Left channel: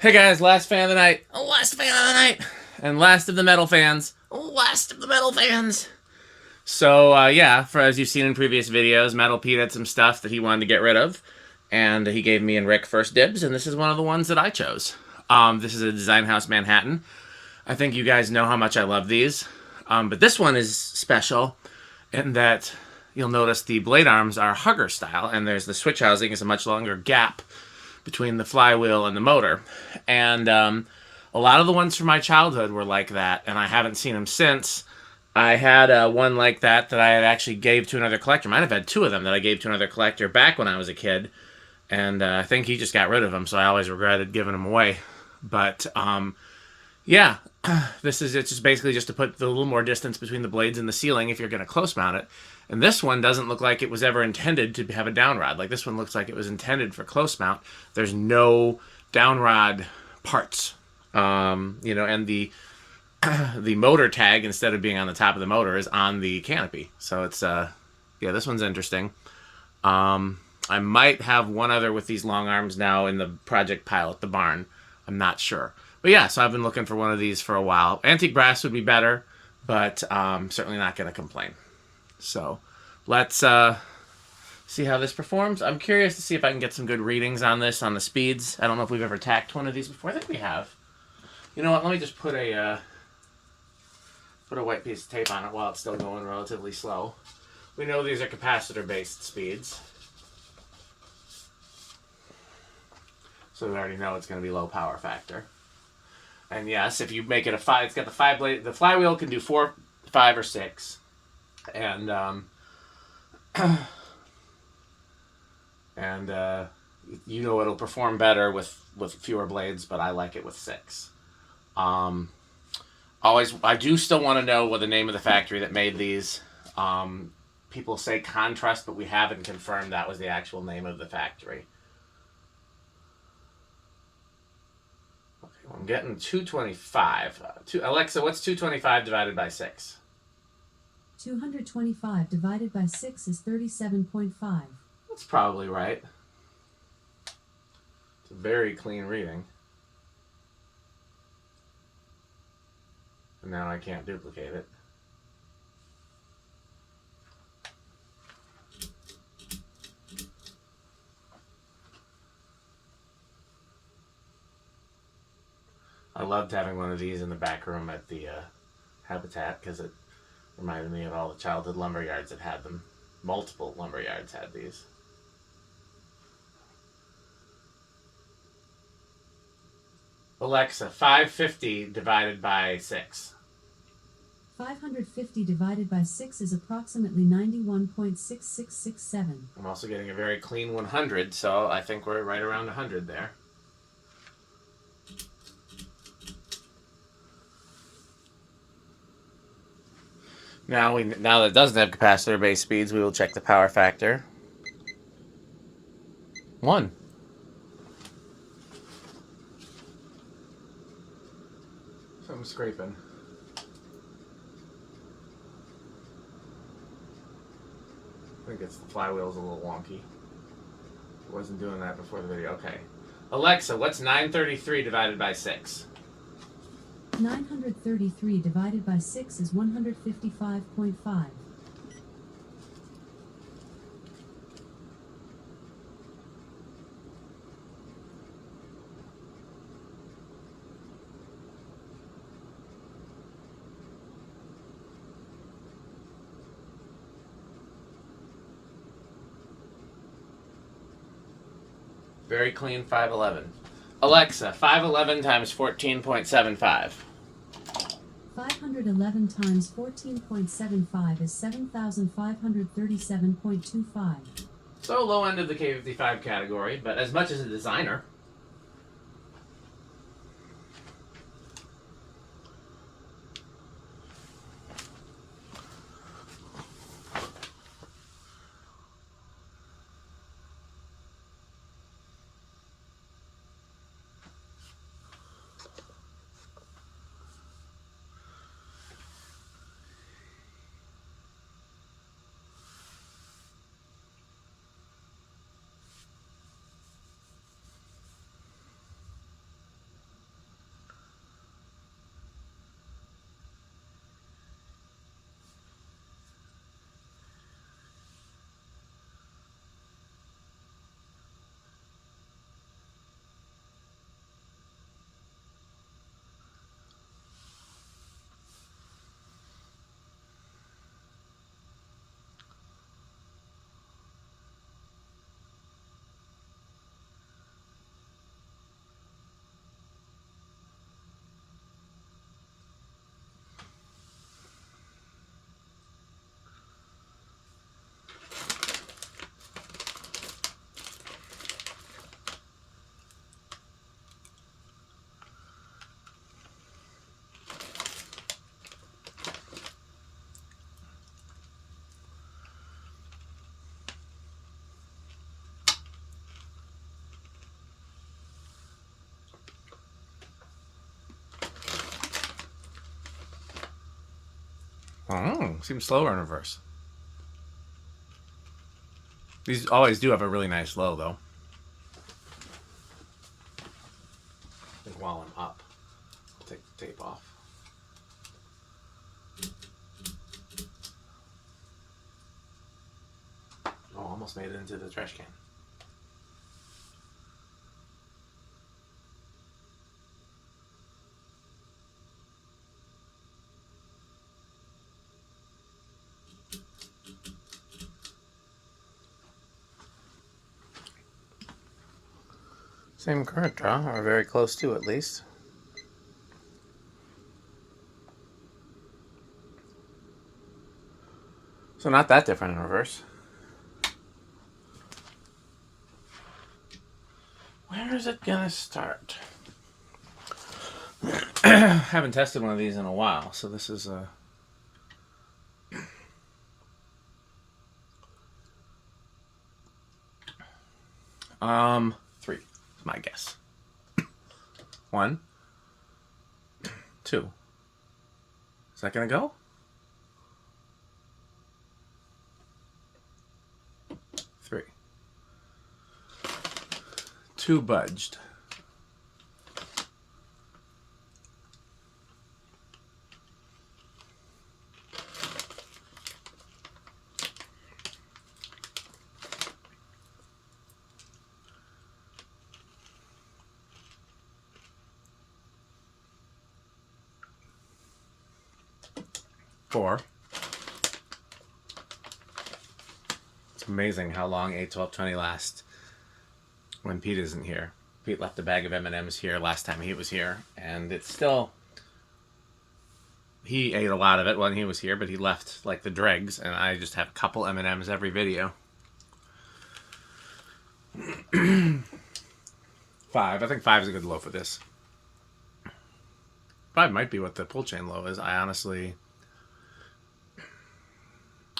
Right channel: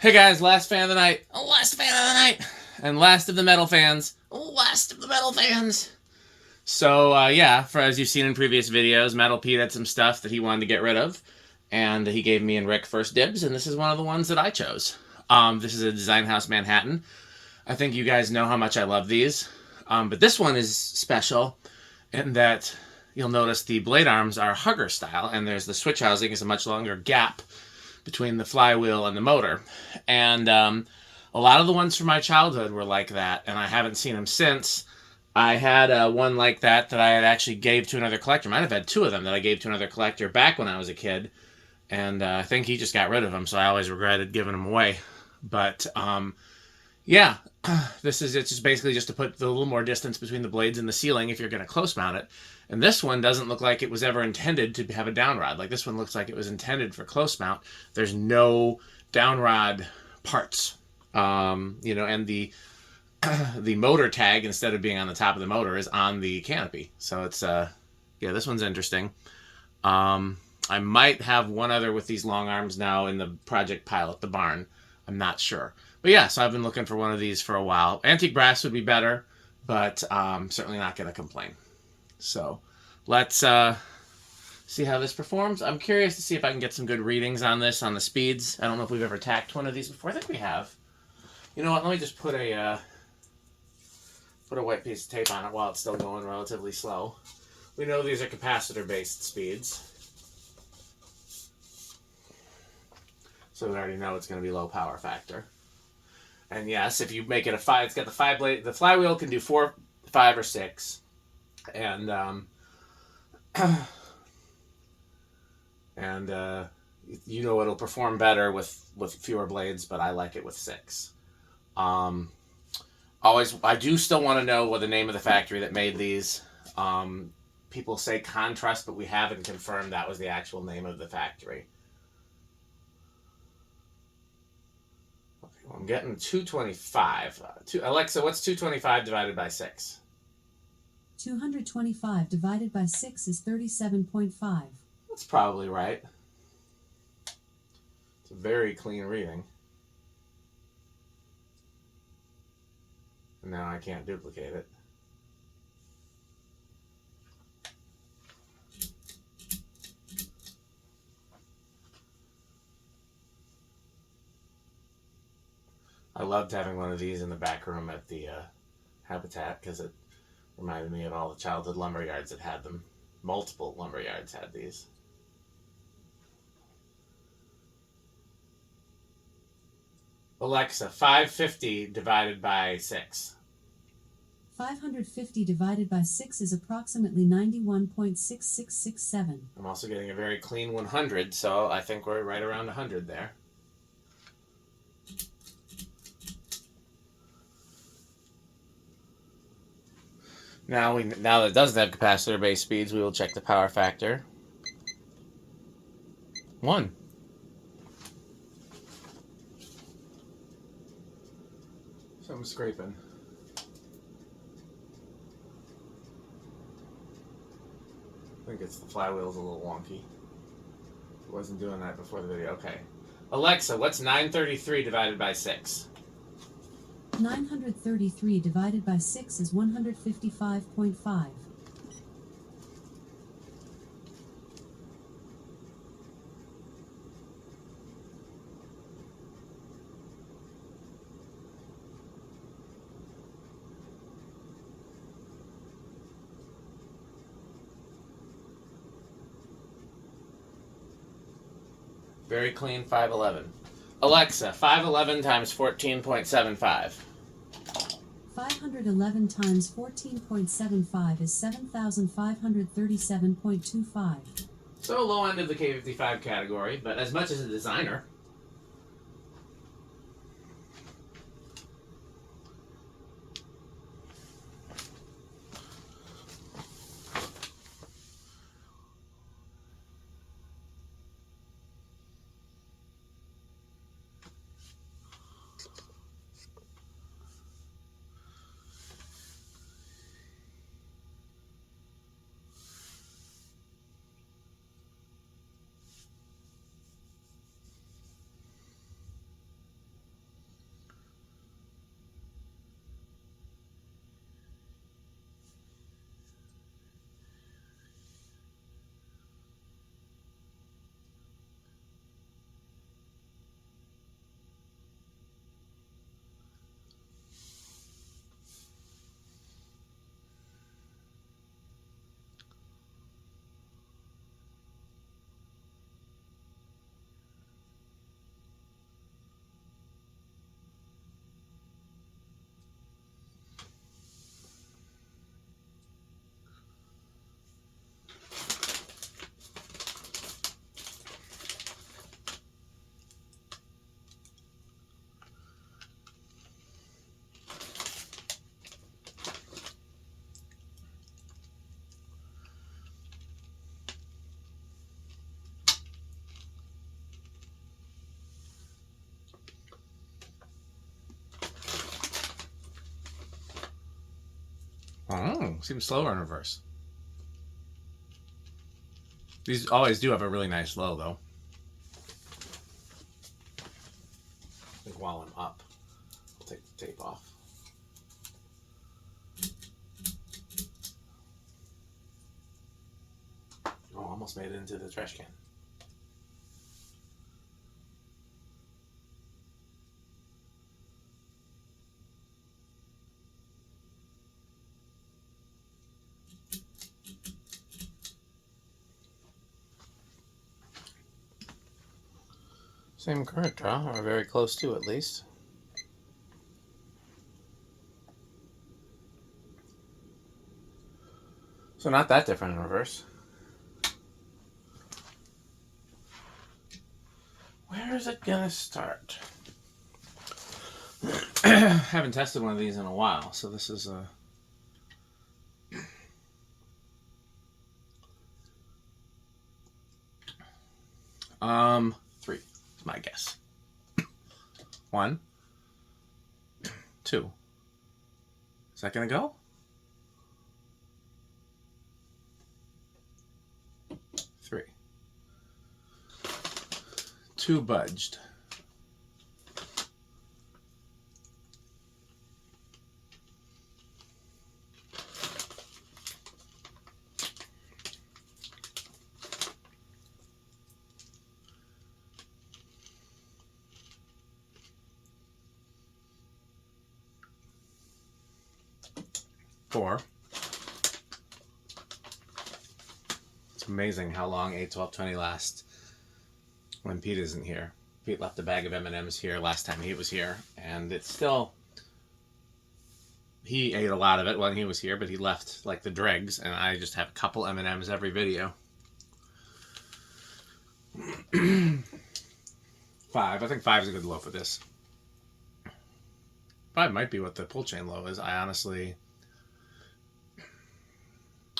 Hey guys, last fan of the night. Last fan of the night. And last of the metal fans. Last of the metal fans. So, yeah, for as you've seen in previous videos, Metal Pete had some stuff that he wanted to get rid of. And he gave me and Rick first dibs, and this is one of the ones that I chose. This is a Design House Manhattan. I think you guys know how much I love these. But this one is special in that you'll notice the blade arms are hugger style, and there's the switch housing is a much longer gap between the flywheel and the motor. And a lot of the ones from my childhood were like that, and I haven't seen them since. I had one like that I had actually gave to another collector. Might have had two of them that I gave to another collector back when I was a kid, and I think he just got rid of them, so I always regretted giving them away. But yeah, it's just basically just to put a little more distance between the blades and the ceiling if you're going to close mount it. And this one doesn't look like it was ever intended to have a down rod. Like this one looks like it was intended for close mount. There's no down rod parts. And the motor tag, instead of being on the top of the motor, is on the canopy. So it's yeah, this one's interesting. I might have one other with these long arms now in the project pile at the barn. I'm not sure. But yeah, so I've been looking for one of these for a while. Antique brass would be better, but certainly not going to complain. So let's see how this performs. I'm curious to see if I can get some good readings on this, on the speeds. I don't know if we've ever tacked one of these before. I think we have. You know what? Let me just put a white piece of tape on it while it's still going relatively slow. We know these are capacitor-based speeds. So we already know it's going to be low power factor. And yes, if you make it a 5, it's got the 5 blade. The flywheel can do 4, 5, or 6. And you know it'll perform better with fewer blades, but I like it with 6. I do still want to know what the name of the factory that made these. People say Contrast, but we haven't confirmed that was the actual name of the factory. Okay, I'm getting 225. Alexa, what's 225 divided by 6? 225 divided by 6 is 37.5. That's probably right. It's a very clean reading. And now I can't duplicate it. I loved having one of these in the back room at the Habitat because it reminded me of all the childhood lumber yards that had them. Multiple lumber yards had these. Alexa, 550 divided by 6. 550 divided by 6 is approximately 91.6667. I'm also getting a very clean 100, so I think we're right around 100 there. Now that it doesn't have capacitor-based speeds, we will check the power factor. 1. So I'm scraping. I think it's the flywheel's a little wonky. It wasn't doing that before the video. Okay. Alexa, what's 933 divided by 6? 933 divided by 6 is 155.5. Very clean 511. Alexa, 511 times 14.75. 511 times 14.75 is 7,537.25. So low end of the K55 category, but as much as a designer. Oh, seems slower in reverse. These always do have a really nice low, though. I think while I'm up, I'll take the tape off. Oh, almost made it into the trash can. Same current draw, or very close to at least. So not that different in reverse. Where is it gonna start? Haven't tested one of these in a while, so this is a... Three is my guess. 1, 2. Is that gonna go? 3. 2 budged. 4. It's amazing how long 8, 12, 20 lasts when Pete isn't here. Pete left a bag of M&Ms here last time he was here, and it's still... He ate a lot of it when he was here, but he left like the dregs, and I just have a couple M&Ms every video. 5. I think 5 is a good low for this. 5 might be what the pull chain low is. I honestly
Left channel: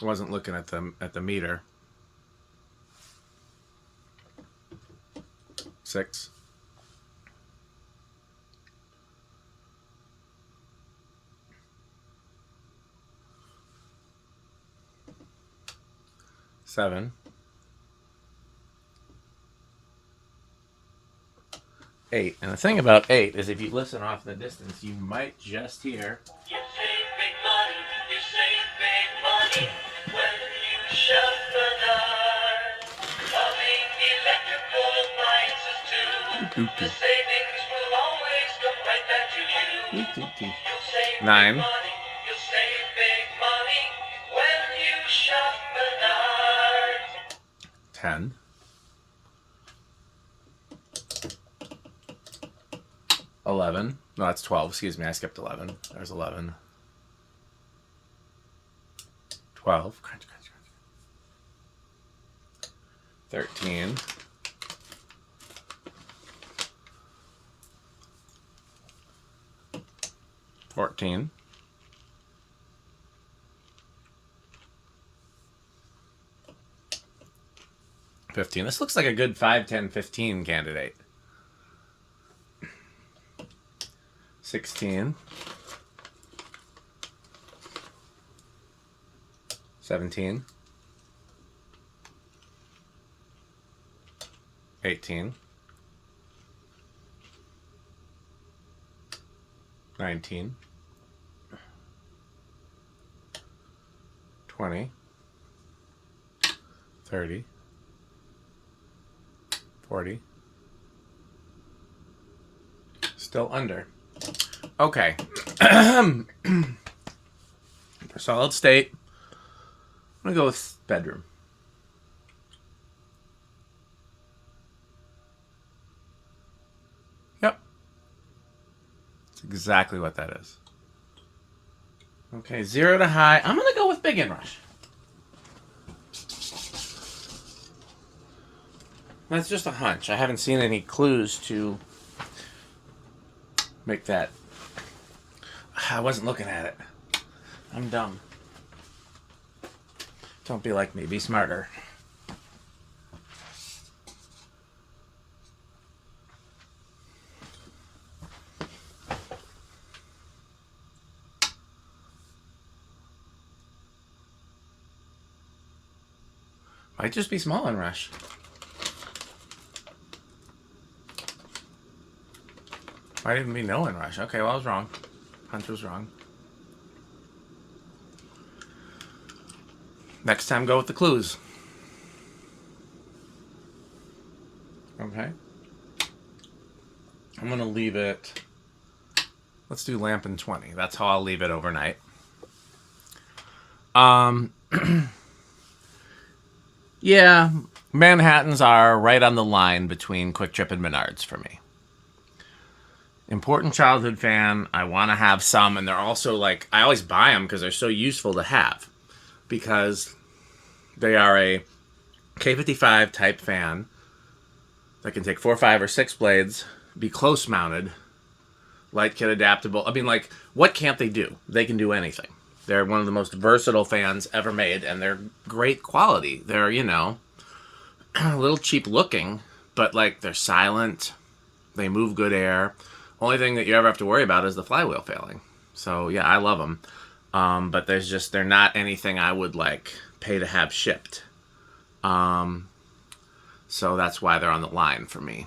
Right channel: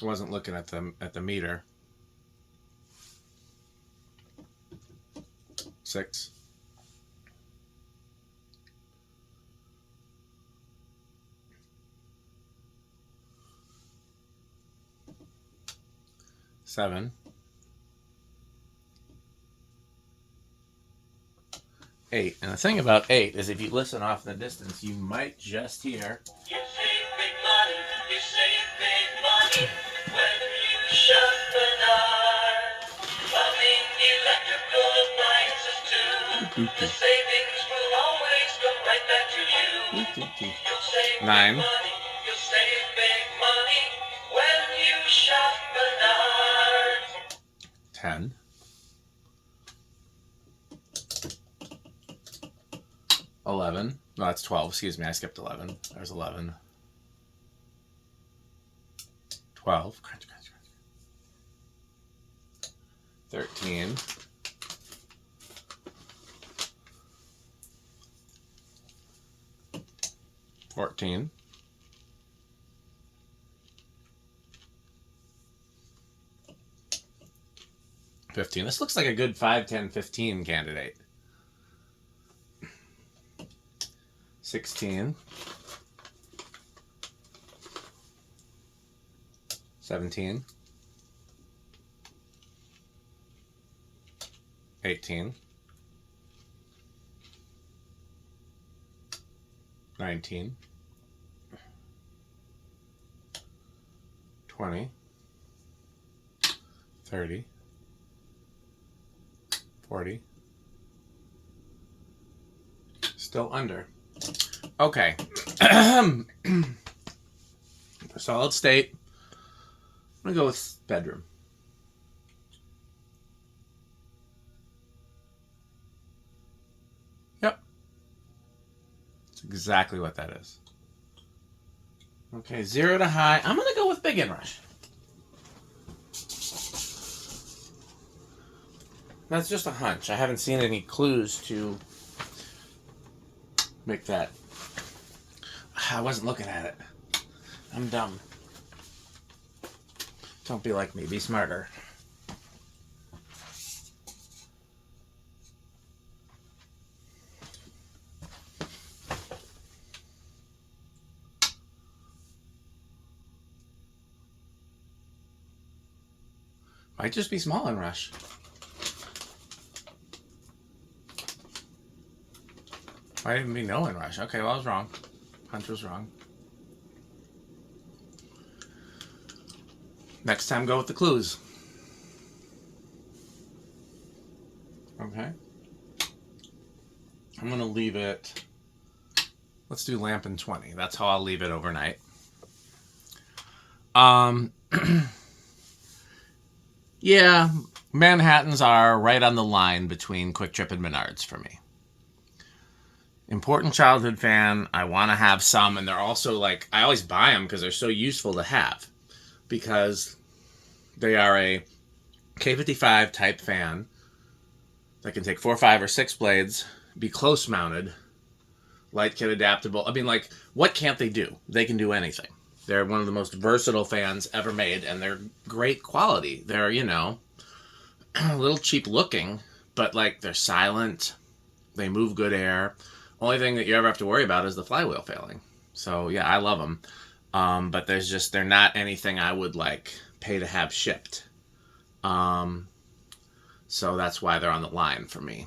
wasn't looking at the meter. 6. 7. 8. And the thing about 8 is if you listen off in the distance, you might just hear... You save big money, you save big money when you shut the door. Plumbing, electrical appliances too. The savings will always come right back to you. You'll save 9. Big money, you'll save big money when you shut the door. 10. 11. No, that's 12. Excuse me, I skipped 11. There's 11. 12. 13. 14. 15. This looks like a good 5, 10, 15 candidate. 16. 17. 18. 19. 20. 30. 40. Still under. Okay. For solid state, I'm going to go with bedroom. Yep. That's exactly what that is. Okay, 0 to high. I'm going to go with big inrush. That's just a hunch. I haven't seen any clues to make that. I wasn't looking at it. I'm dumb. Don't be like me. Be smarter. Might just be small in Rush. Might even be no in Rush. Okay, well, I was wrong. Hunter was wrong. Next time, go with the clues. Okay. I'm going to leave it... Let's do lamp and 20. That's how I'll leave it overnight. Yeah, Manhattans are right on the line between Quick Trip and Menards for me. Important childhood fan. I want to have some, and they're also like, I always buy them because they're so useful to have. Because they are a K55 type fan that can take 4, 5, or 6 blades, be close mounted, light kit adaptable. I mean, like, what can't they do? They can do anything. They're one of the most versatile fans ever made, and they're great quality. They're, you know, a little cheap looking, but, like, they're silent. They move good air. Only thing that you ever have to worry about is the flywheel failing. So, yeah, I love them. But they're not anything I would, like, pay to have shipped. So that's why they're on the line for me.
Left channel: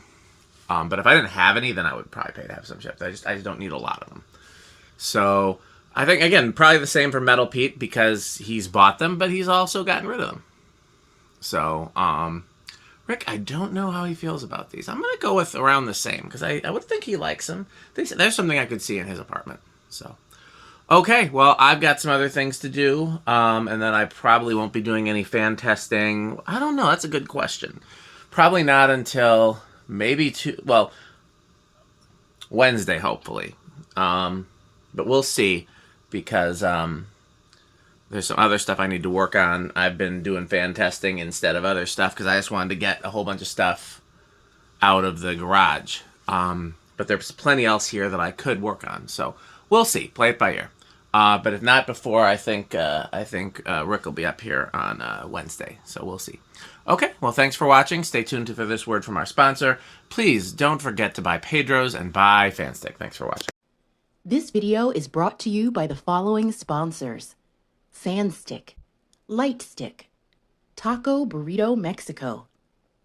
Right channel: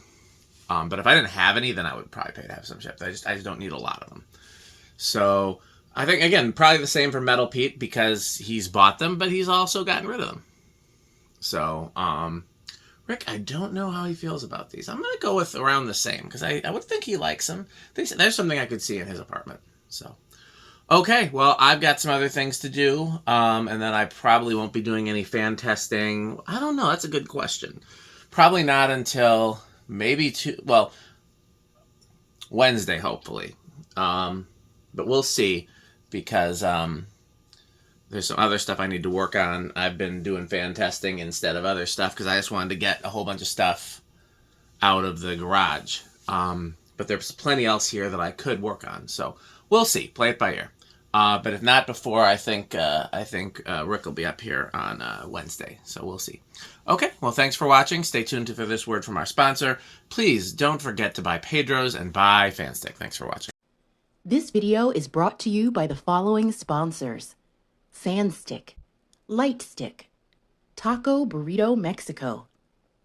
But if I didn't have any, then I would probably pay to have some shipped. I just don't need a lot of them. So... I think, again, probably the same for Metal Pete because he's bought them, but he's also gotten rid of them. So, Rick, I don't know how he feels about these. I'm going to go with around the same because I would think he likes them. There's something I could see in his apartment. So, okay, well, I've got some other things to do, and then I probably won't be doing any fan testing. I don't know. That's a good question. Probably not until maybe Wednesday, hopefully. But we'll see. Because there's some other stuff I need to work on. I've been doing fan testing instead of other stuff because I just wanted to get a whole bunch of stuff out of the garage. But there's plenty else here that I could work on. So we'll see. Play it by ear. But if not before, I think Rick will be up here on Wednesday. So we'll see. Okay, well, thanks for watching. Stay tuned for this word from our sponsor. Please don't forget to buy Pedro's and buy Fanstick. Thanks for watching. This video is brought to you by the following sponsors: Fanstick, Lightstick, Taco Burrito Mexico,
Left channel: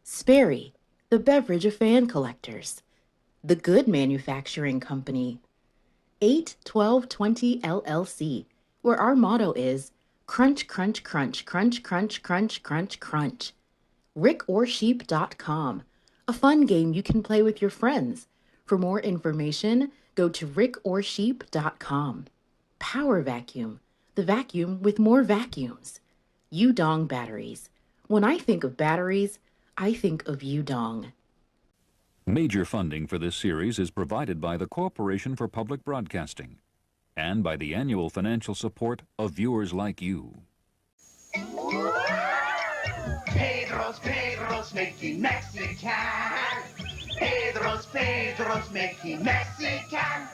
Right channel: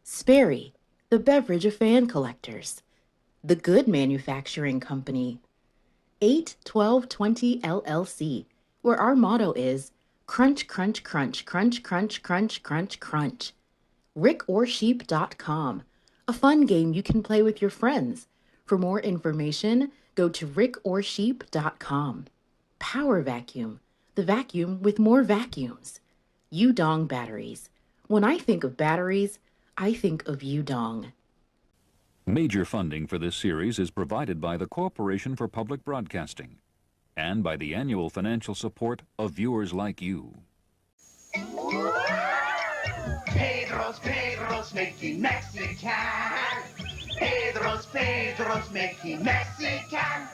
Sperry, the beverage of fan collectors, The Good Manufacturing Company, 81220 LLC, where our motto is crunch, crunch, crunch, crunch, crunch, crunch, crunch, crunch, rickorsheep.com, a fun game you can play with your friends. For more information, go to rickorsheep.com. Power Vacuum, the vacuum with more vacuums. Udong Batteries. When I think of batteries, I think of Udong. Major funding for this series is provided by the Corporation for Public Broadcasting and by the annual financial support of viewers like you. Pedro's making Mexican. Pedro's making Mexican.